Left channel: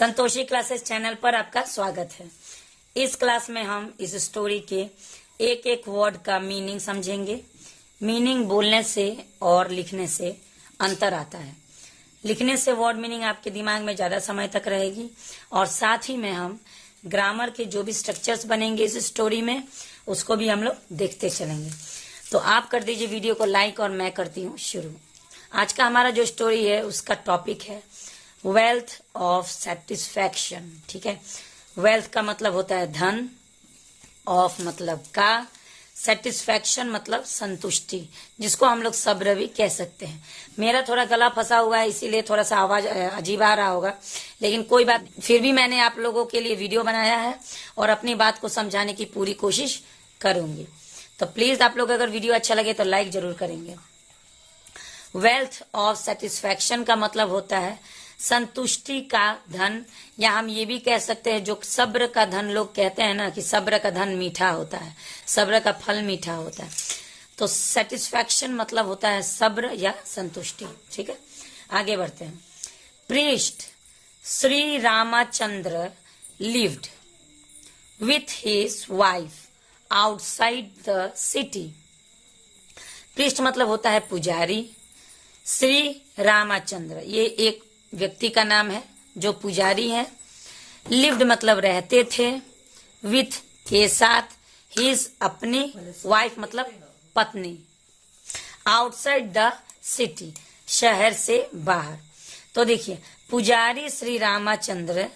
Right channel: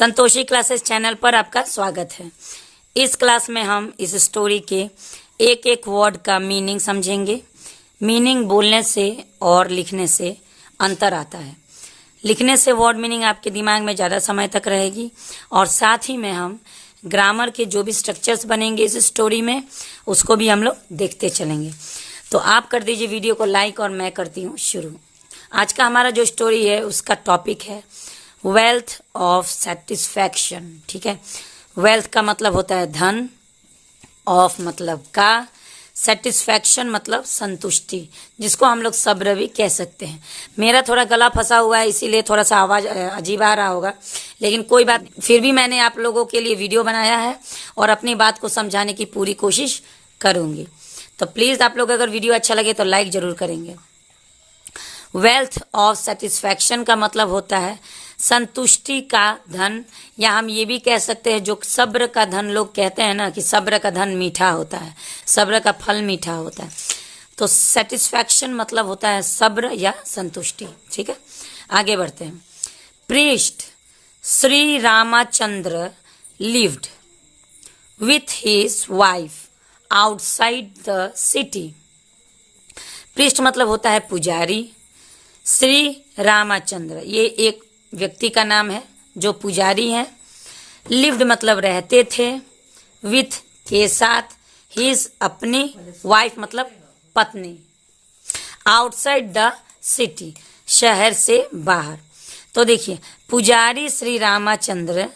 Santoshi classes channel पर आपका स्वागत है। इस क्लास में हम इस स्टोरी के एक एक वर्ड का मीनिंग समझेंगे। मीनिंग बोलने से और लिखने से अंतर आता है। लिखने से वर्ड मीनिंग आपके दिमाग में ज़्यादा समय तक रहेगी और साथ ही में हम ग्रामर के जो भी स्ट्रक्चर्स बनेंगे इस स्टोरी में उसको भी हम लोग देखते चलेंगे। तो आप कर दीजिए वीडियो को लाइक और मैं करती हूँ शुरू। आज का हमारा जो स्टोरी है उसका टॉपिक है वेल्थ ऑफ सेटिस्फैक्शन। ठीक है, वेल्थ का मतलब होता है धन, ऑफ मतलब का, सेटिस्फैक्शन मतलब संतुष्टि, जिसको हम लोग सब्र भी कह सकते हैं। मेरा थोड़ा गला फंसा हुआ है इसीलिए थोड़ा सा आवाज अजीब आ रहा होगा, लेकिन कोई बात, फिर भी मैंने आप लोगों के लिए वीडियो बनाया है और अपनी बात को समझाने की पूरी कोशिश करूंगी। तो प्लीज आप लोग अगर वीडियो अच्छा लगे तो लाइक जरूर करेंगे। वेल्थ ऑफ सेटिस्फैक्शन का मतलब होता है संतुष्टि का धन, या हम ये भी कह सकते हैं जो सब्र का धन लोग कहते हैं ना कि सब्र का धन मीठा होता है, सब्र का फल मीठा होता है। तो सेटिस्फैक्शन मतलब होता है सब्र या संतुष्टि। ठीक है, आगे बढ़ते हैं। Priest Shri Ramchandra lived with his wife outside the city. Priest मतलब होता है पुजारी। श्री रामचंद्र ये एक व्यक्ति का नाम है जो पुजारी है। लिव्ड मतलब रहते थे, विथ के साथ, हिज अपनी, वाइफ मतलब पत्नी, आउटसाइड द सिटी शहर से बाहर। तो देखिए पुजारी श्री रामचंद्र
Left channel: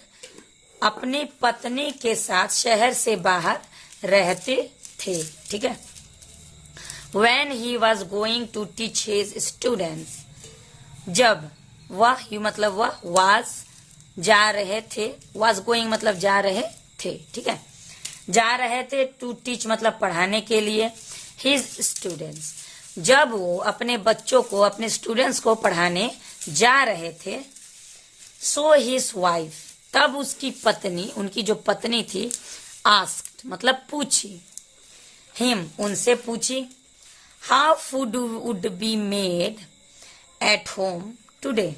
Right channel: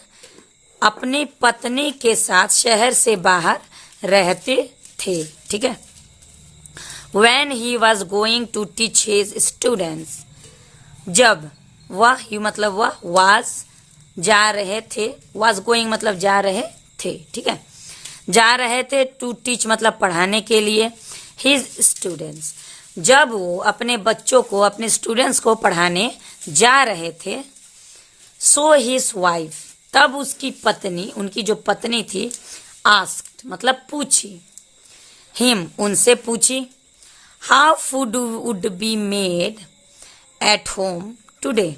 अपनी पत्नी के साथ शहर से बाहर रहते थे। ठीक है। When he was going to teach his students, जब वह मतलब वह was जा रहे थे, was going मतलब जा रहे थे। ठीक है, जा रहे थे, to teach मतलब पढ़ाने के लिए, his students जब वो अपने बच्चों को, अपने स्टूडेंट्स को पढ़ाने जा रहे थे, so his wife तब उसकी पत्नी, उनकी जो पत्नी थी, asked मतलब पूछी, him उनसे पूछी, how food would be made at home today।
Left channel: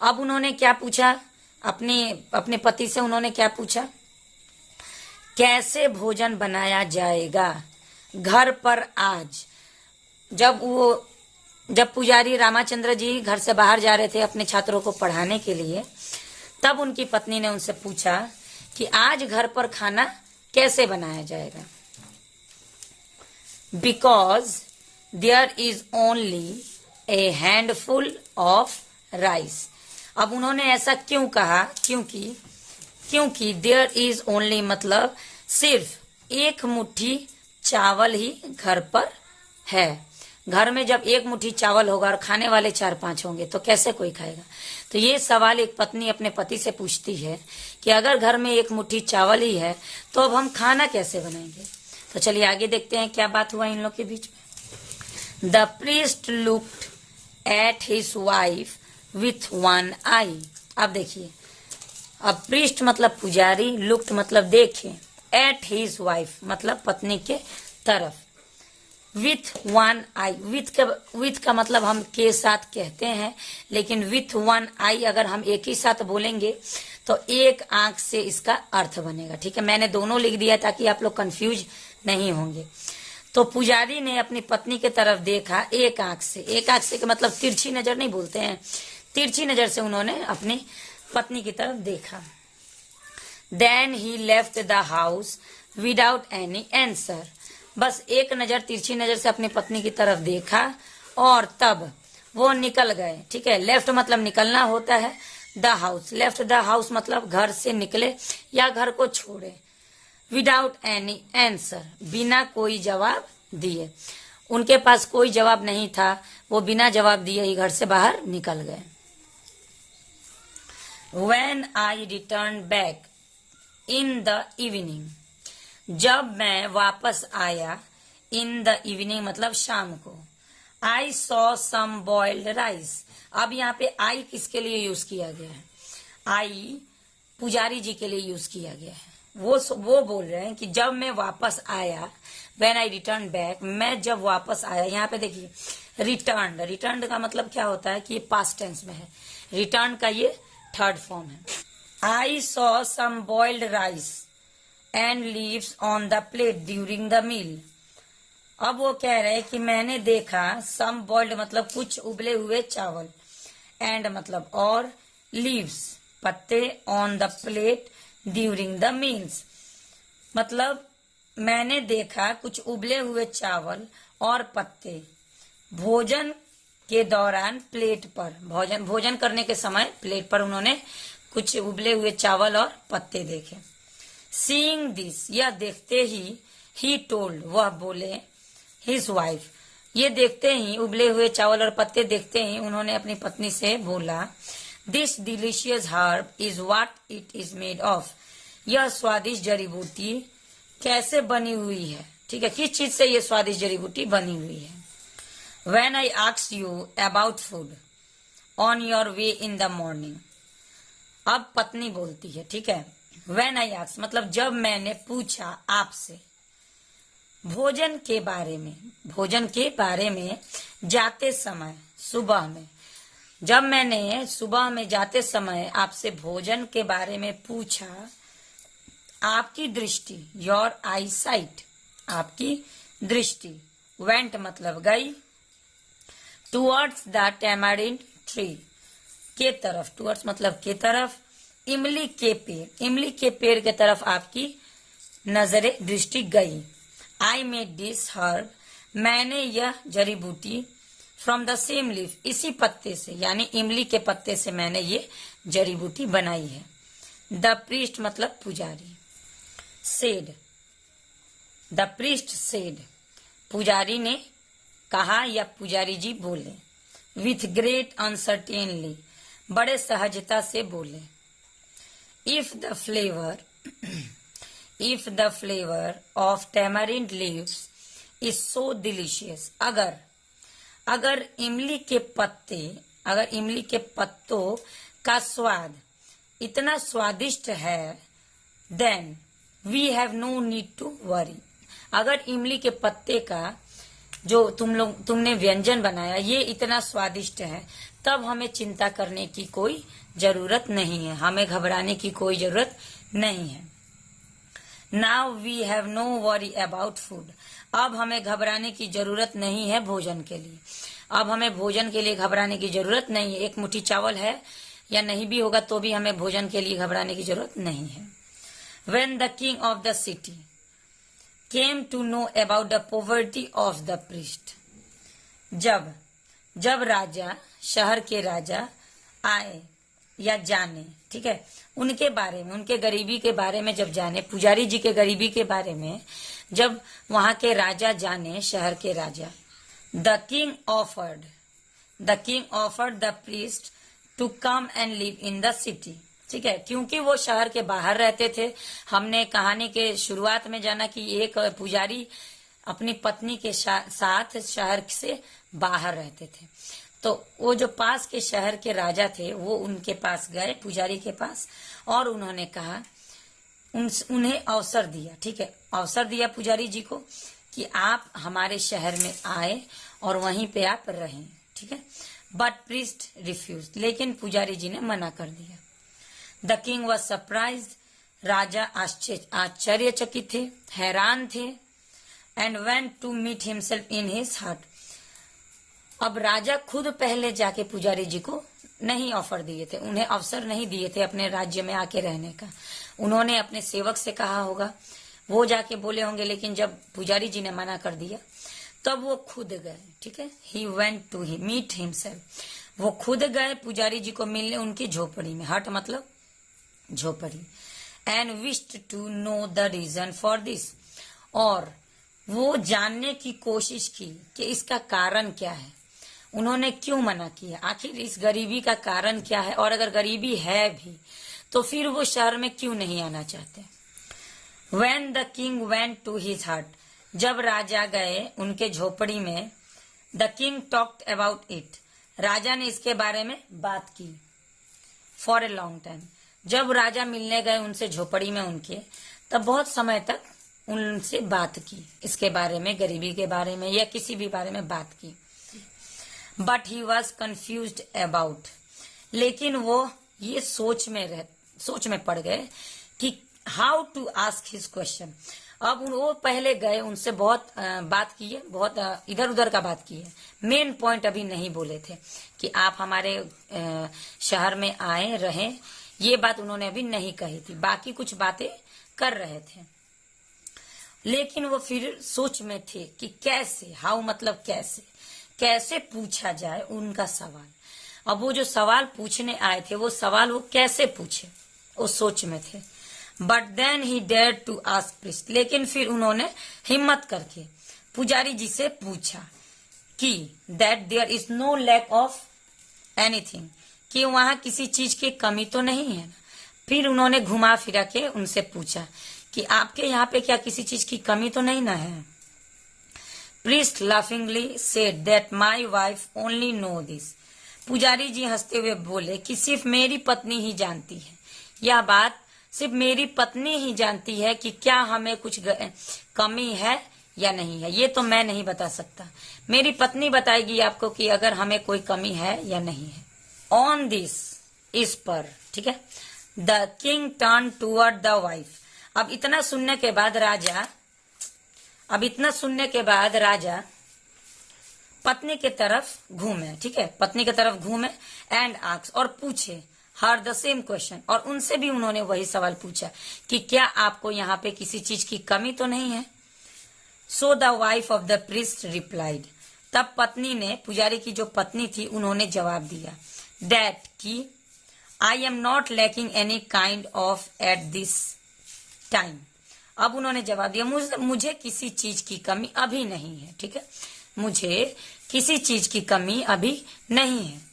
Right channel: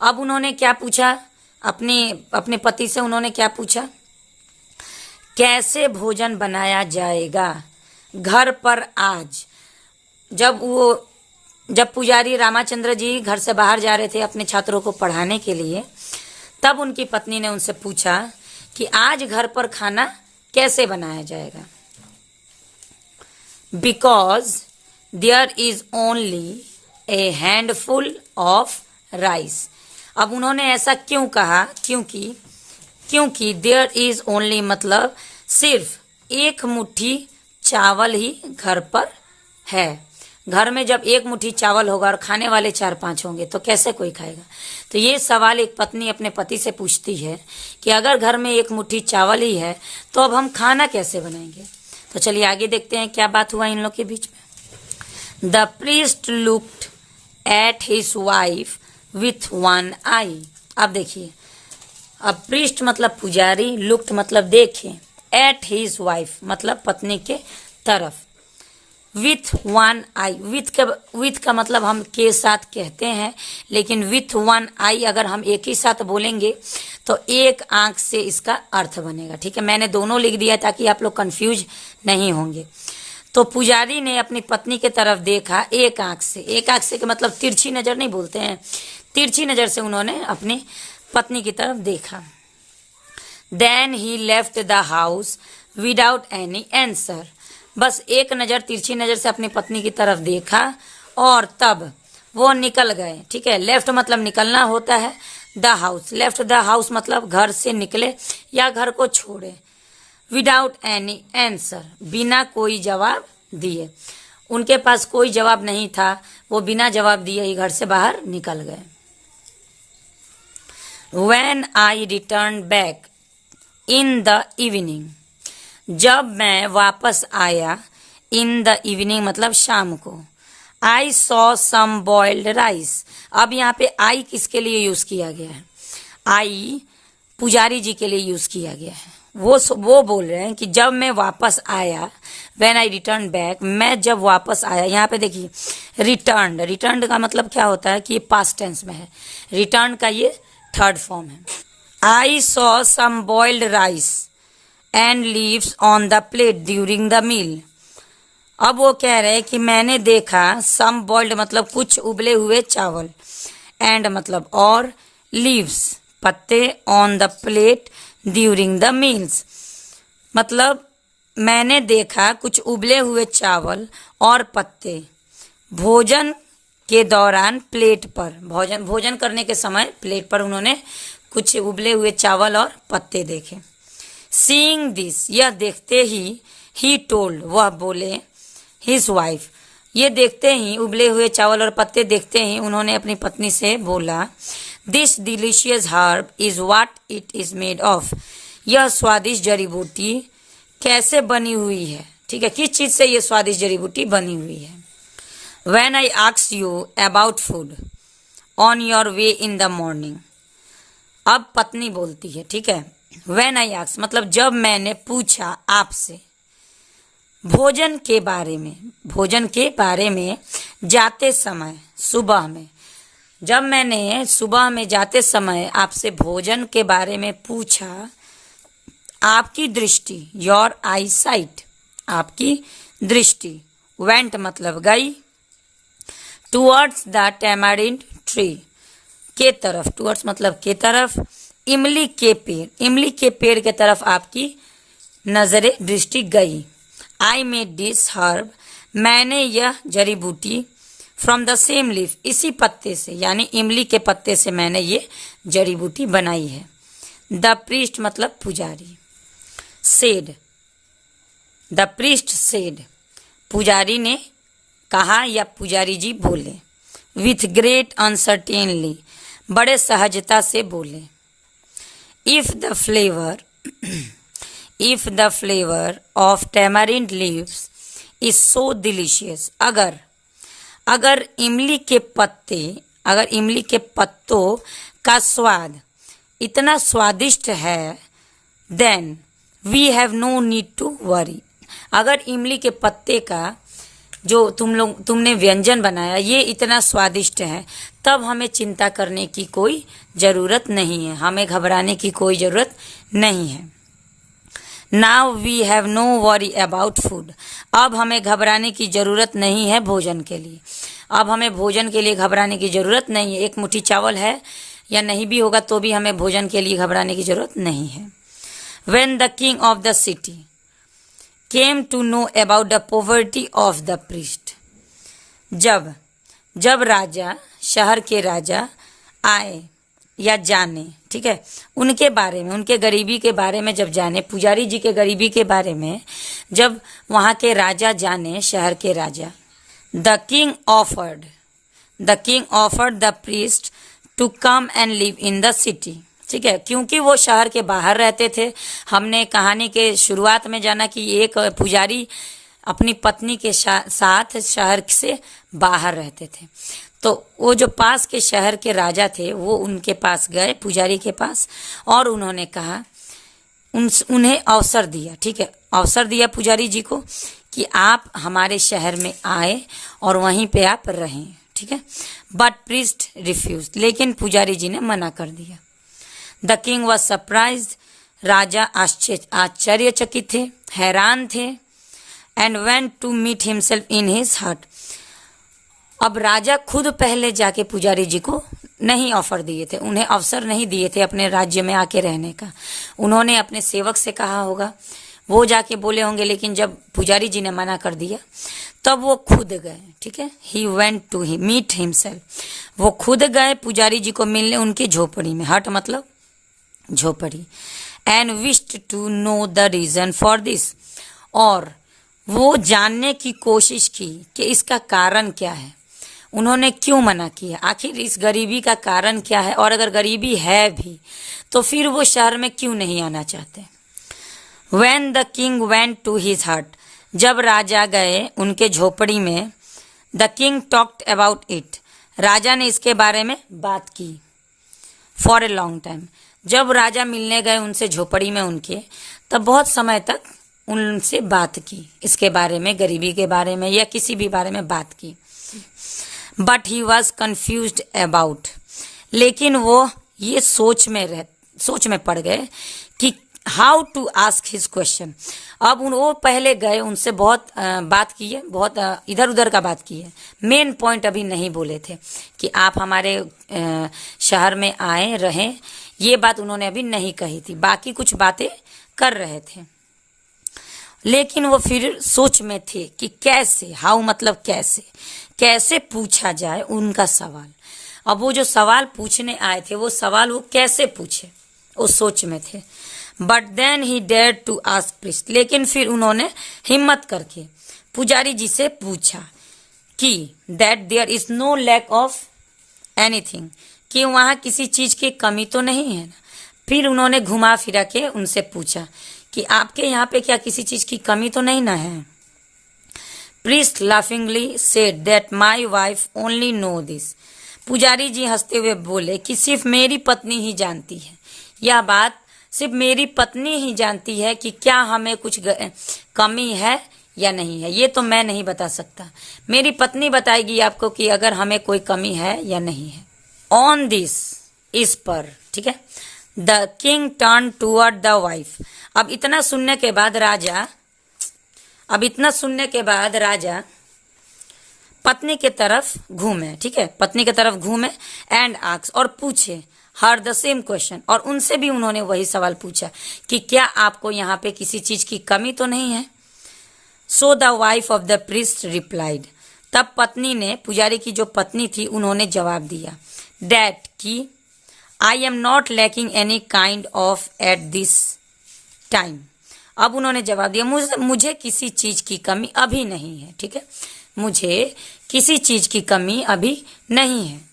अब उन्होंने क्या पूछा, अपने पति से उन्होंने क्या पूछा, कैसे भोजन बनाया जाएगा घर पर आज। जब पुजारी रामचंद्र जी घर से बाहर जा रहे थे अपने छात्रों को पढ़ाने के लिए, तब उनकी पत्नी ने उनसे पूछा कि आज घर पर खाना कैसे बनाया जाएगा। Because there is only a handful of rice. अब उन्होंने ऐसा क्यों कहा, क्योंकि देयर इज ओनली मतलब सिर्फ एक मुट्ठी चावल ही घर पर है। घर में जब एक मुट्ठी चावल होगा और खाने वाले 4-5 होंगे तो कैसे कोई खाएगा। तो ये सवाल एक पत्नी अपने पति से पूछती है कि अगर घर में एक मुट्ठी चावल ही है तो अब हम खाना कैसे बनाएंगे। तो चलिए आगे देखते हैं क्या बात हुआ इन लोग के बीच में। The priest looked at his wife with one eye. अब देखिए, अब प्रीस्ट मतलब पुजारी, लुक्ड मतलब देखे, एट हिज वाइफ मतलब पत्नी के तरफ, विथ वन आई, विथ का मतलब हम के साथ कहते हैं, लेकिन विथ वन आई अगर हम एक ही साथ बोलेंगे तो एक आंख से इसका अर्थ बनेगा। ठीक है, मैंने दोनों लिख दिया ताकि आप लोग कंफ्यूज नहीं होंगे। तो पुजारी ने अपनी पत्नी की तरफ देखा एक आंख से। एक आंख से का मतलब तिरछी नजर नहीं बोलते हैं, तिरछी नजर से उन्होंने अपनी पत्नी की तरफ देखा। Then he left the house without any answer. बस एक नजर, तिरछी नजर से अपनी पत्नी की तरफ देखा और तब वो निकल गए। ठीक है, लेफ्ट मतलब निकलना होता है, the house, left the house मतलब घर से निकले या घर को छोड़े। विदाउट एनी आंसर बिना कोई जवाब दिए, उनके पास कोई जवाब नहीं था, वो बिना जवाब दिए ही घर से बाहर निकल गए। When I returned back in the evening, जब मैं वापस आया, इन द इवनिंग मतलब शाम को, I saw some boiled rice। अब यहाँ पे I किसके लिए यूज किया गया है, I पुजारी जी के लिए यूज किया गया है। वो बोल रहे हैं कि जब मैं वापस आया, व्हेन आई रिटर्न बैक, मैं जब वापस आया। यहाँ पे देखिए रिटर्न का मतलब क्या होता है कि ये पास्ट टेंस में है, रिटर्न का ये थर्ड फॉर्म है। I saw some boiled rice and leaves on the plate during the meal. अब वो कह रहे हैं कि मैंने देखा, सम बॉइल्ड मतलब कुछ उबले हुए चावल, एंड मतलब और, लीव्स पत्ते, on the plate during the meals मतलब मैंने देखा कुछ उबले हुए चावल और पत्ते भोजन के दौरान प्लेट पर, भोजन करने के समय प्लेट पर उन्होंने कुछ उबले हुए चावल और पत्ते देखे। सीइंग दिस, यह देखते ही टोल्ड, वह बोले, हिज वाइफ, ये देखते ही, उबले हुए चावल और पत्ते देखते ही उन्होंने अपनी पत्नी से बोला, this delicious herb is what it is made of, यह स्वादिष्ट जड़ी बूटी कैसे बनी हुई है, ठीक है, किस चीज से ये स्वादिष्ट जड़ी बूटी बनी हुई है। When I asked you about food on your way in the morning, अब पत्नी बोलती है, ठीक है, When I asked मतलब जब मैंने पूछा आपसे भोजन के बारे में जाते समय, सुबह में, जब मैंने सुबह में जाते समय आपसे भोजन के बारे में पूछा, आपकी दृष्टि, योर आई साइट, आपकी दृष्टि, वेंट मतलब गई, टूवर्ड्स द टैमारिंड ट्री, के तरफ, टूवर्ड्स मतलब के तरफ, इमली के पेड़ के तरफ आपकी नजरें, दृष्टि गई। आई मेड दिस हर्ब, मैंने यह जड़ी बूटी, फ्रॉम द सेम लीफ, इसी पत्ते से यानी इमली के पत्ते से मैंने ये जड़ी बूटी बनाई है। द प्रीस्ट मतलब पुजारी, सेड, द प्रीस्ट सेड, पुजारी ने कहा या पुजारी जी बोले, विथ ग्रेट अनसर्टेनली, बड़े सहजता से बोले, if the flavour of tamarind leaves is so delicious, अगर इमली के पत्तों का स्वाद इतना स्वादिष्ट है, then we have no need to worry, अगर इमली के पत्ते का जो तुमने व्यंजन बनाया ये इतना स्वादिष्ट है, तब हमें चिंता करने की कोई जरूरत नहीं है, हमें घबराने की कोई जरूरत नहीं है। Now we have no worry about food, अब हमें घबराने की जरूरत नहीं है भोजन के लिए, अब हमें भोजन के लिए घबराने की जरूरत नहीं है। एक मुट्ठी चावल है या नहीं भी होगा तो भी हमें भोजन के लिए घबराने की जरूरत नहीं है। When the king of the city came to know about the poverty of the priest, जब राजा, शहर के राजा आए या जाने, ठीक है, उनके बारे में, उनके गरीबी के बारे में जब जाने, पुजारी जी के गरीबी के बारे में जब वहां के राजा जाने, शहर के राजा, the king offered the priest to come and live in the city, ठीक है, क्योंकि वो शहर के बाहर रहते थे। हमने कहानी के शुरुआत में जाना कि एक पुजारी अपनी पत्नी के साथ शहर से बाहर रहते थे, तो वो जो पास के शहर के राजा थे वो उनके पास गए, पुजारी के पास, और उन्होंने कहा, उन्हें अवसर दिया, ठीक है, अवसर दिया पुजारी जी को कि आप हमारे शहर में आए और वहीं पे आप रहें, ठीक है। बट प्रीस्ट रिफ्यूज, लेकिन पुजारी जी ने मना कर दिया। द किंग वॉज सरप्राइज, राजा आश्चर्यचकित थे, हैरान थे, and went to meet himself in his hut. अब राजा खुद पहले जाके पुजारी जी को नहीं ऑफर दिए थे, उन्हें अवसर नहीं दिए थे अपने राज्य में आके रहने का, उन्होंने अपने सेवक से कहा होगा, वो जाके बोले होंगे, लेकिन जब पुजारी जी ने मना कर दिया तब वो खुद गए, ठीक है। He went to meet himself, वो खुद गए पुजारी जी को मिलने उनकी झोपड़ी में, हट मतलब झोपड़ी, and wished to know the reason for this, और वो जानने की कोशिश की कि इसका कारण क्या है, उन्होंने क्यों मना किया, आखिर इस गरीबी का कारण क्या है, और अगर गरीबी है भी तो फिर वो शहर में क्यों नहीं आना चाहते। When the king went to his hut, जब राजा गए उनके झोपड़ी में, the king talked about it, राजा ने इसके बारे में बात की, for a long time, जब राजा मिलने गए उनसे झोपड़ी में उनके, तब बहुत समय तक उनसे बात की, इसके बारे में, गरीबी के बारे में या किसी भी बारे में बात की। But he was confused about, लेकिन वो ये सोच में सोच में पड़ गए कि how to ask his question. अब वो पहले गए, उनसे बहुत बात की है, बहुत इधर उधर का बात की है। मेन पॉइंट अभी नहीं बोले थे कि आप हमारे शहर में आए रहें, ये बात उन्होंने अभी नहीं कही थी। बाकी कुछ बातें कर रहे थे, लेकिन वो फिर सोच में थे कि कैसे, हाउ मतलब कैसे पूछा जाए उनका सवाल। अब वो जो सवाल पूछने आए थे, वो सवाल वो कैसे पूछे, वो सोच में थे। But then he dare to ask priest, लेकिन फिर उन्होंने हिम्मत करके पुजारी जी से पूछा कि that there is no lack of anything, कि वहां किसी चीज की कमी तो नहीं है ना। फिर उन्होंने घुमा फिरा के उनसे पूछा कि आपके यहाँ पे क्या किसी चीज की कमी तो नहीं ना है। Priest laughingly said that my wife only know this, पुजारी जी हंसते हुए बोले कि सिर्फ मेरी पत्नी ही जानती है, यह बात सिर्फ मेरी पत्नी ही जानती है कि क्या हमें कुछ कमी है या नहीं है, ये तो मैं नहीं बता सकता। मेरी पत्नी बताएगी आपको कि अगर हमें कोई कमी है या नहीं है। ऑन दिस, इस पर, ठीक है। The king turn toward the wife, अब इतना सुनने के बाद राजा पत्नी के तरफ घूमे, ठीक है, पत्नी के तरफ घूमे एंड आस्क, और पूछे हर द सेम क्वेश्चन, और उनसे भी उन्होंने वही सवाल पूछा कि क्या आपको यहाँ पे किसी चीज की कमी तो नहीं है। So the wife of the priest replied, तब पत्नी ने, पुजारी की जो पत्नी थी, उन्होंने जवाब दिया दैट कि I am not lacking any kind of at this time. अब उन्होंने जवाब दिया मुझे किसी चीज की कमी अभी नहीं है, ठीक है, मुझे किसी चीज की कमी अभी नहीं है।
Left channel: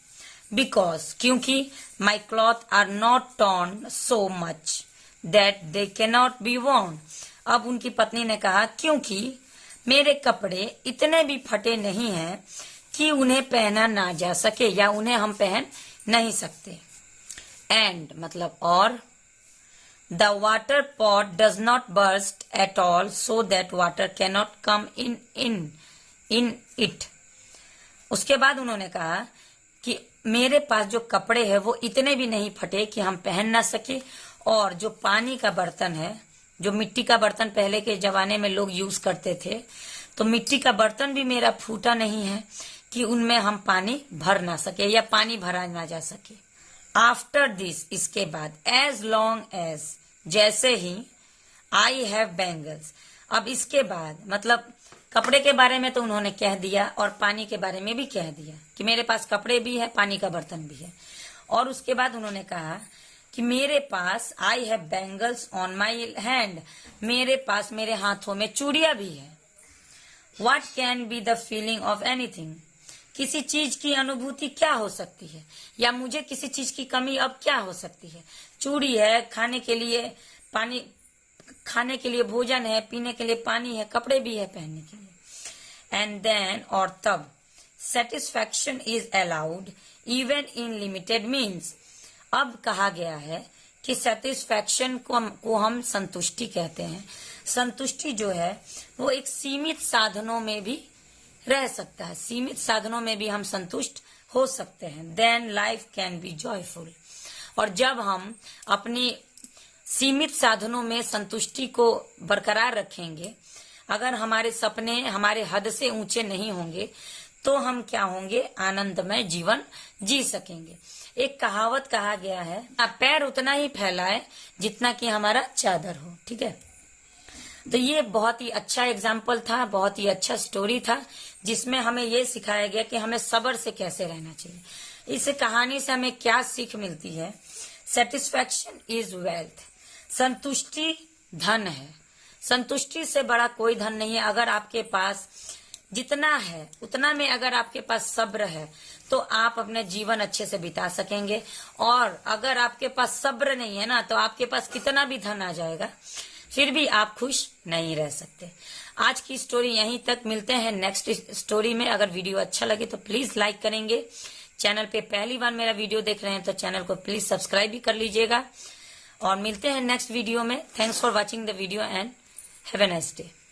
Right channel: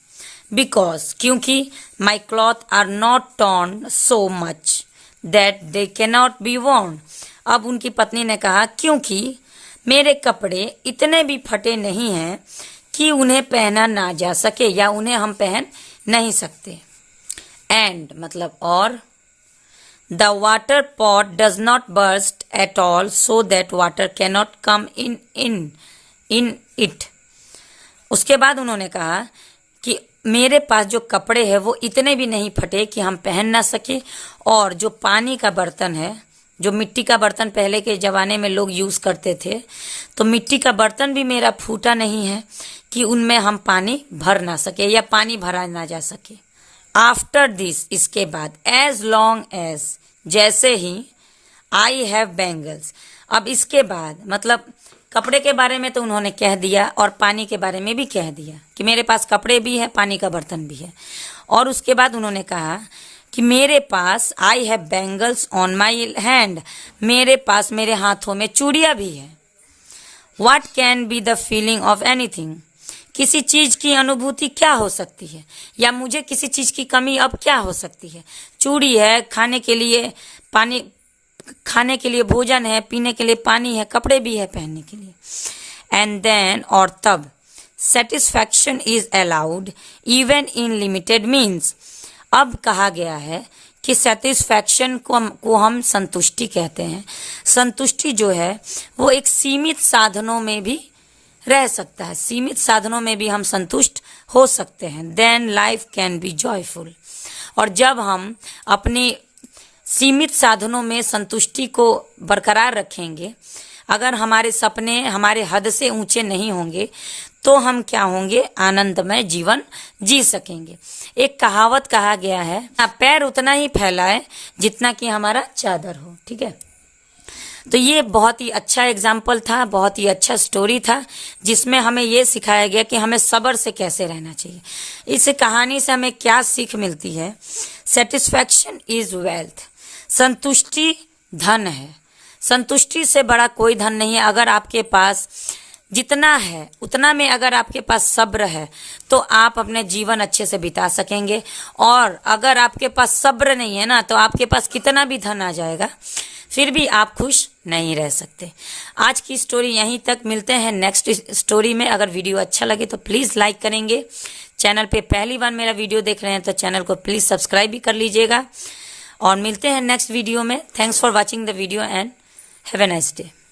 बिकॉज, क्योंकि my cloth are not torn so much that they cannot be worn. अब उनकी पत्नी ने कहा क्योंकि मेरे कपड़े इतने भी फटे नहीं हैं कि उन्हें पहना ना जा सके, या उन्हें हम पहन नहीं सकते। एंड मतलब और, the water pot does not burst at all so that water cannot come in it. उसके बाद उन्होंने कहा कि मेरे पास जो कपड़े हैं वो इतने भी नहीं फटे कि हम पहन ना सके, और जो पानी का बर्तन है, जो मिट्टी का बर्तन पहले के जमाने में लोग यूज करते थे, तो मिट्टी का बर्तन भी मेरा फूटा नहीं है कि उनमें हम पानी भर ना सके या पानी भरा ना जा सके। आफ्टर दिस, इसके बाद, एज लॉन्ग एज, जैसे ही, आई हैव बैंगल्स। अब इसके बाद मतलब कपड़े के बारे में तो उन्होंने कह दिया, और पानी के बारे में भी कह दिया कि मेरे पास कपड़े भी है, पानी का बर्तन भी है। और उसके बाद उन्होंने कहा कि मेरे पास, I have bangles on my hand, मेरे पास, मेरे हाथों में चूड़ियां भी है। What can be the feeling of anything, किसी चीज की अनुभूति क्या हो सकती है, या मुझे किसी चीज की कमी अब क्या हो सकती है। चूड़ी है, खाने के लिए पानी, खाने के लिए भोजन है, पीने के लिए पानी है, कपड़े भी है पहनने के लिए। एंड देन, और तब, satisfaction is allowed even in limited means. अब कहा गया है कि सेटिस्फैक्शन को हम संतुष्टि कहते हैं। संतुष्टि जो है वो एक सीमित साधनों में भी रह सकता है, सीमित साधनों में भी हम संतुष्ट हो सकते हैं। Then life can be joyful, और जब हम अपनी सीमित साधनों में संतुष्टि को बरकरार रखेंगे, अगर हमारे सपने हमारे हद से ऊंचे नहीं होंगे, तो हम क्या होंगे, आनंदमय जीवन जी सकेंगे। एक कहावत कहा गया है, पैर उतना ही फैलाए जितना कि हमारा चादर हो, ठीक है। तो ये बहुत ही अच्छा एग्जाम्पल था, बहुत ही अच्छा स्टोरी था, जिसमें हमें ये सिखाया गया कि हमें सब्र से कैसे रहना चाहिए। इस कहानी से हमें क्या सीख मिलती है। सेटिस्फैक्शन इज वेल्थ, संतुष्टि धन है, संतुष्टि से बड़ा कोई धन नहीं है। अगर आपके पास जितना है उतना में अगर आपके पास सब्र है तो आप अपने जीवन अच्छे से बिता सकेंगे, और अगर आपके पास सब्र नहीं है ना, तो आपके पास कितना भी धन आ जाएगा फिर भी आप खुश नहीं रह सकते। आज की स्टोरी यहीं तक, मिलते हैं नेक्स्ट स्टोरी में। अगर वीडियो अच्छा लगे तो प्लीज लाइक करेंगे। चैनल पे पहली बार मेरा वीडियो देख रहे हैं तो चैनल को प्लीज सब्सक्राइब भी कर लीजिएगा, और मिलते हैं नेक्स्ट वीडियो में। Thanks for watching the video and have a nice day.